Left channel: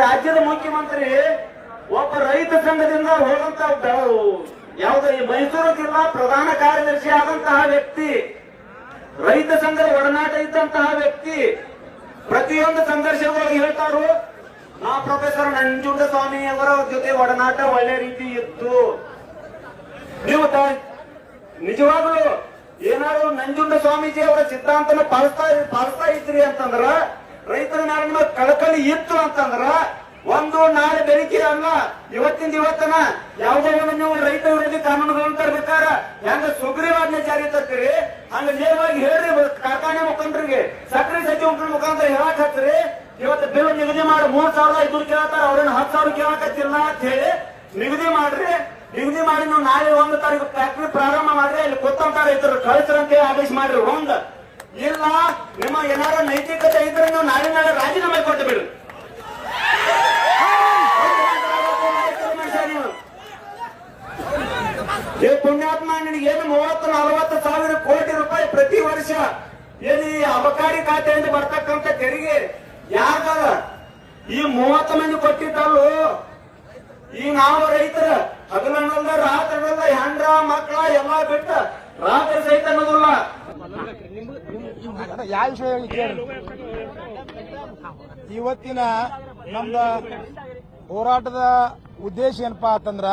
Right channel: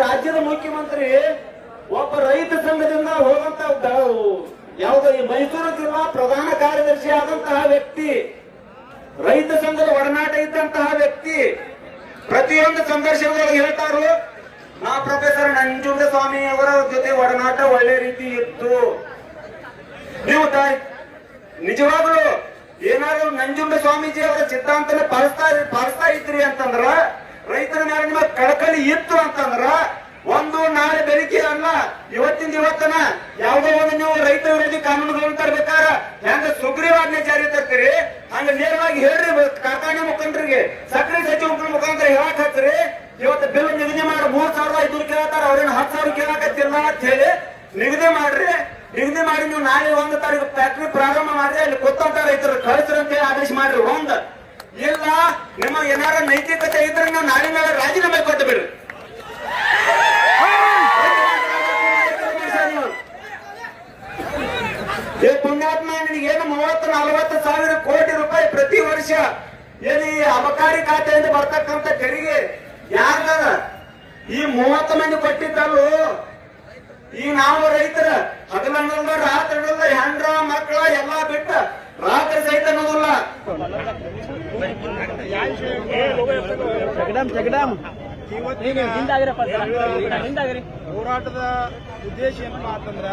ರಾಜ್ಯದ ಮುಖ್ಯಮಂತ್ರಿ ಒಬ್ಬ ರೈತ ಸಂಘದಿಂದ ಹೋದಂತ ಯಾವುದೋ ಈ ಮೈಸೂರು ಜಿಲ್ಲಾ ಪ್ರಧಾನ ಕಾರ್ಯದರ್ಶಿ ಆದಂತಹ ವ್ಯಕ್ತಿ, ರೈತ ಸಂಘದ ಒಡನಾಟ ಇದ್ದಂತಹ ವ್ಯಕ್ತಿ ಪ್ರತಿಯೊಂದು ಸಂದರ್ಶನಗಳು ಹೇಳ್ತಾರು, ನಾ ಪ್ರೊಫೆಸರ್ ನಂಜುಂಡಸ್ವಾಮಿ ಅವರ ಜೊತೆ ಒಡನಾಟ ಒಳ್ಳೆ ರೀತಿ ಇತ್ತು. ನೀವು ನಿಜವಾಗ್ಲೂ ಏನಾದ್ರು ನಂಜುಂಡ ಸ್ವಾಮೀಜಿ ಅವರ ಸಿದ್ಧಾಂತನ ಪಾಲಿಸ್ತಾ ಇದ್ರಿ ಅಂತಂದ್ರ, ರೈತರ ಮೇಲೆ ಕಳಕಳಿ ಇತ್ತು ಅಂತಂದ್ರ, ಒಂದು ನಾಳೆ ಬೆಳಿಗ್ಗೆ ಅಲ್ಲ ಇವತ್ತನ ಯಾವುದೋ ಒಂದು ನೀವು ರೈತ ವಿರೋಧಿ ಕಾನೂನುಗಳನ್ನು ತರಬೇಕಾರ ಹೆಂಗ ಸುಗ್ರೀವಾಜ್ಞೆ ಜಾರಿ ತರ್ತೀರಿ, ಹಂಗ ನೇರವಾಗಿ ಹೇಳ್ರಿ ಕಾರ್ಖಾನೆ ಮುಖಂಡರಿಗೆ, ಸಕ್ಕರೆ ಸಚಿವ ಮುಖಾಂತರ ಹೇಳಕ್ ಹತ್ರಿ. ಇವತ್ತು ಬಿಲ್ ನಿಗದಿ ಮಾಡಿ 3,500 ಕೇಳ್ತಾರ, ಅವ್ರೇನು 10,000 ಕೇಳಕತ್ತಿಲ್ಲ ಅಂತ ಹೇಳಿ ನಿಗದಿ ಮಾಡ್ರಿ. ನಿಗದಿ ಮಾಡಿ ನೀವು ನಾಳೆ 1 ತಾರೀಕು ಫ್ಯಾಕ್ಟ್ರಿ ಪ್ರಾರಂಭ ಮಾಡ್ರಿ, ಅಲ್ಲಿ ಗೊತ್ತಂತ ರೈತರು ಕಳಿಸ್ರಂತೆ ಆದೇಶ ಮಾಡ್ರಿ. ಒಂದ್ ಇಲ್ಲ ನಿಮ್ಮ ಏನಾರ ನೈತಿಕತೆ ಇದ್ರೆ ನಾಳೆ ಮೇಲೆ ರಾಜೀನಾಮೆ ಕೊಟ್ಟು ಬಿಡ್ರಿ. ಏ ಪುಣ್ಯಾತ್ಮ, ನಿನಗೇನು 30-40 ಸಾವಿರ ಕೋಟಿ ರೂಪಾಯಿ ಪ್ರತಿ ವರ್ಷ ಏನು ಈ ಅಬಕಾರಿ ಖಾತೆಯಿಂದ ಬರ್ತಕ್ಕಂಥ ತೆರಿಗೆ ಯಾರ್ದಾಗ ಈ 30 ಮಂದಿ ಕೊಟ್ಟಿದ್ದಲ್ಲೂ, ಈ ನಾವು ರೈತರ ಹಗಲನ್ನಲ್ಲ ರಾತ್ರಿಗಳಲ್ಲ ಹೆಂಡ್ರ ಮಕ್ಕಳ ಎಲ್ಲಾ ಬಿಟ್ಟ ರಾತ್ರಿ ಸಹಿತ ಅನ್ನೋದಿಲ್ಲ. ಇವತ್ತಿನ ಹೋರಾಟದ ಉದ್ದೇಶ ಏನಪ್ಪಾ ಅಂತಂದ್ರ,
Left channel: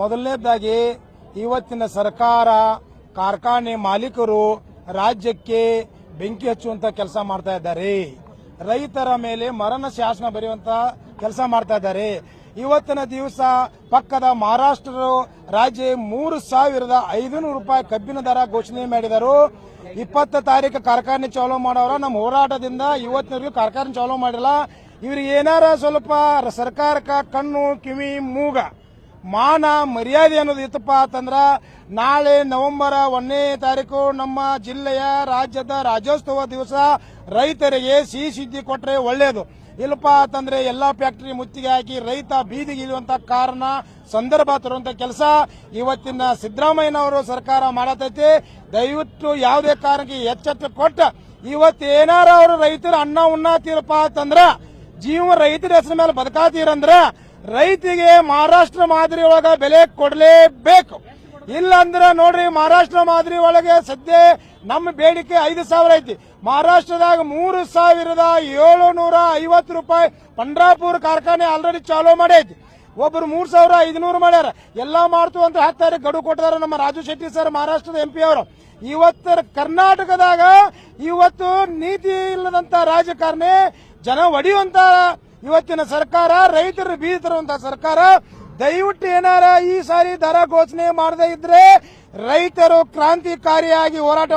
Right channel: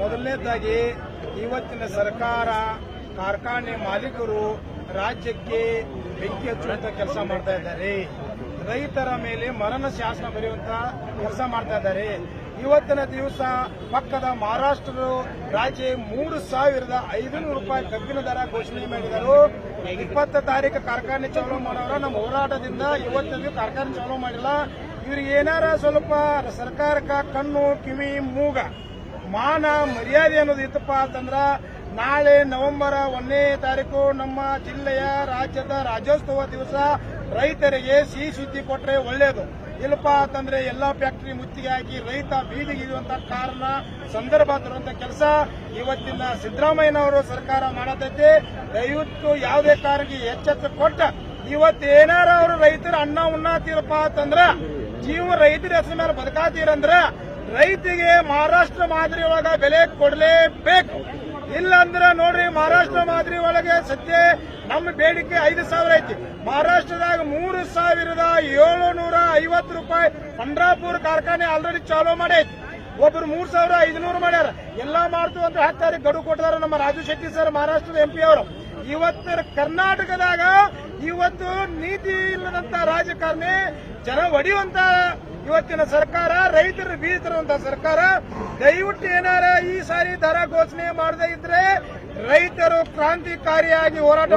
ಮೊದಲನೇದಾಗಿ ಇವತ್ತಿನ ಸರ್ಕಾರ ಕಾರ್ಖಾನೆ ಮಾಲೀಕರು ರಾಜ್ಯಕ್ಕೆ ಬೆಂಕಿ ಹಚ್ಚುವಂತ ಕೆಲಸ ಮಾಡ್ತಾ ಇದ್ದಾರೆ. ರೈತರ ಮೇಲೆ ಮರಣ ಶಾಸನ ಬರೆಯುವಂತ ಕೆಲಸ ಮಾಡ್ತಾ ಇದ್ದಾರೆ. ಇವತ್ತಿನ ದಿವಸ ಪಕ್ಕದ ಮಹಾರಾಷ್ಟ್ರ ರಾಜ್ಯ 3,500 ರೂಪಾಯಿ ಕಬ್ಬಿನ ದರ ಘೋಷಣೆ ಮಾಡಿದರು. 20 ತಾರೀಕು ಕಾರ್ಖಾನೆ ಚಾಲೂ ಮಾಡೋರ ನಮ್ಮ ಹೋರಾಟದಿಂದ ಇವತ್ತಿನ ಕಾರ್ಖಾನೆ ಚಾಲೂ ಮಾಡಿಲ್ಲ. ಇವ್ರಿಗೆ ಏನಾರ ಸ್ವಲ್ಪ ಸರ್ಕಾರಕ್ಕೆ ಕಣ್ಣು ಕಿವಿ ಮೂಗ ಮಾನ ಮರ್ಯಾದೆ ಅನ್ನೋದು ಇತ್ತಪ್ಪ ಅಂತಂದ್ರ, ನಾಳೆ ನವೆಂಬರ್ 1ನೇ ತಾರೀಕು ನಮ್ಮ ಜಿಲ್ಲೆಯ ರಾಜ್ಯದ ರಾಜ್ಯೋತ್ಸವ ದಿವಸ ರೈತರಿಗೆ ಸಿಹಿ ಸುದ್ದಿ ಕೊಟ್ರೆ ಒಳ್ಳೇದು. ಇಲ್ಲಪ್ಪ ಅಂತಂದ್ರೆ ಎಲ್ಲಾ ಫ್ಯಾಕ್ಟರಿ ಮುತ್ತಿಗೆ ಹಾಕಿ ರೈತ ಬೀದಿಗೆ ಇರುವಂತ ಕಾರಣ ಸಂದರ್ಭ ತರುವಂತ ಕೆಲಸ ಇವತ್ತಿನ ಸಿದ್ದರಾಮಯ್ಯನವರು ಸರ್ಕಾರ ಮಾಡತೈತಿ. ದಯವಿಟ್ಟು ಯಾವುದೇ ಕಾರಣಕ್ಕೆ ಎಚ್ಚೆತ್ತು ಕೊಟ್ಟ ಇವತ್ತು ಏನಾರ ಅವರು ರೈತರ ಅನ್ನ ಉಣ್ಣಾತೀರಪ್ಪ ಅಂತಂದ್ರ, ಜೀವ ರೈತರ ಹೆಸರ ಮೇಲೆ ಬದುಕಾತೀರಂದ್ರ ರೈತಿಗೆ ಮಹಾರಾಷ್ಟ್ರ ಮಾದರಿ ಒಳಗ ಬೆಲೆ ಕೊಡಲೇಬೇಕು. ಇಲ್ಲಂದ್ರ ನೋಡ್ರಿ, ಮಹಾರಾಷ್ಟ್ರ ಮಾದರಿ ಒಳಗೆ ಸದ್ಯ ನಮ್ಮ ಬೇಡಿಕೆ 5,000 ಐತಿ. ಮಹಾರಾಷ್ಟ್ರದಾಗ 3,750 ರೂಪಾಯಿ ಪಂಡ್ರಾಪುರ ಕಾರ್ಖಾನೆ ಆಲ್ರೆಡಿ ಚಾಲೂ ಮಾಡೈತಿ. ಒಬ್ರು 3,500 ಮಾಡ್ಯಾರ. ಎಲ್ಲಾ ಮಾಡ್ತು ಅಂತ 10 ತಾರೀಕು ಗಡುವು ಕೊಟ್ಟಿದ್ದಾರೆ ನಮ್ಮ ರಾಜು ಶೆಟ್ಟಿ ಸರ್, ಮಹಾರಾಷ್ಟ್ರದ MP ಅವರು. ಇವತ್ತು ಕರ್ನಾಟಕದಾಗ ಇವತ್ತು ನೀತಿ ಇಲ್ಲದಂತ ರಾಜಕಾರಣಿ, ಜನ ಒಡೆಯುವಂತ ಇವತ್ತಿನ ಸರ್ಕಾರ, ರೈತರು ಬೀದಿರುವಂತ ಸರ್ಕಾರ. ದಯವಿಟ್ಟು ಏನಾರ ಈ ಸಾರಿ ದರ ಘೋಷಣೆ ಮಾಡದೇ ಇದ್ರೆ ರೈತರು ಕ್ರಾಂತಿಕಾರಿಯಾಗಿ ಹೋರಾಟ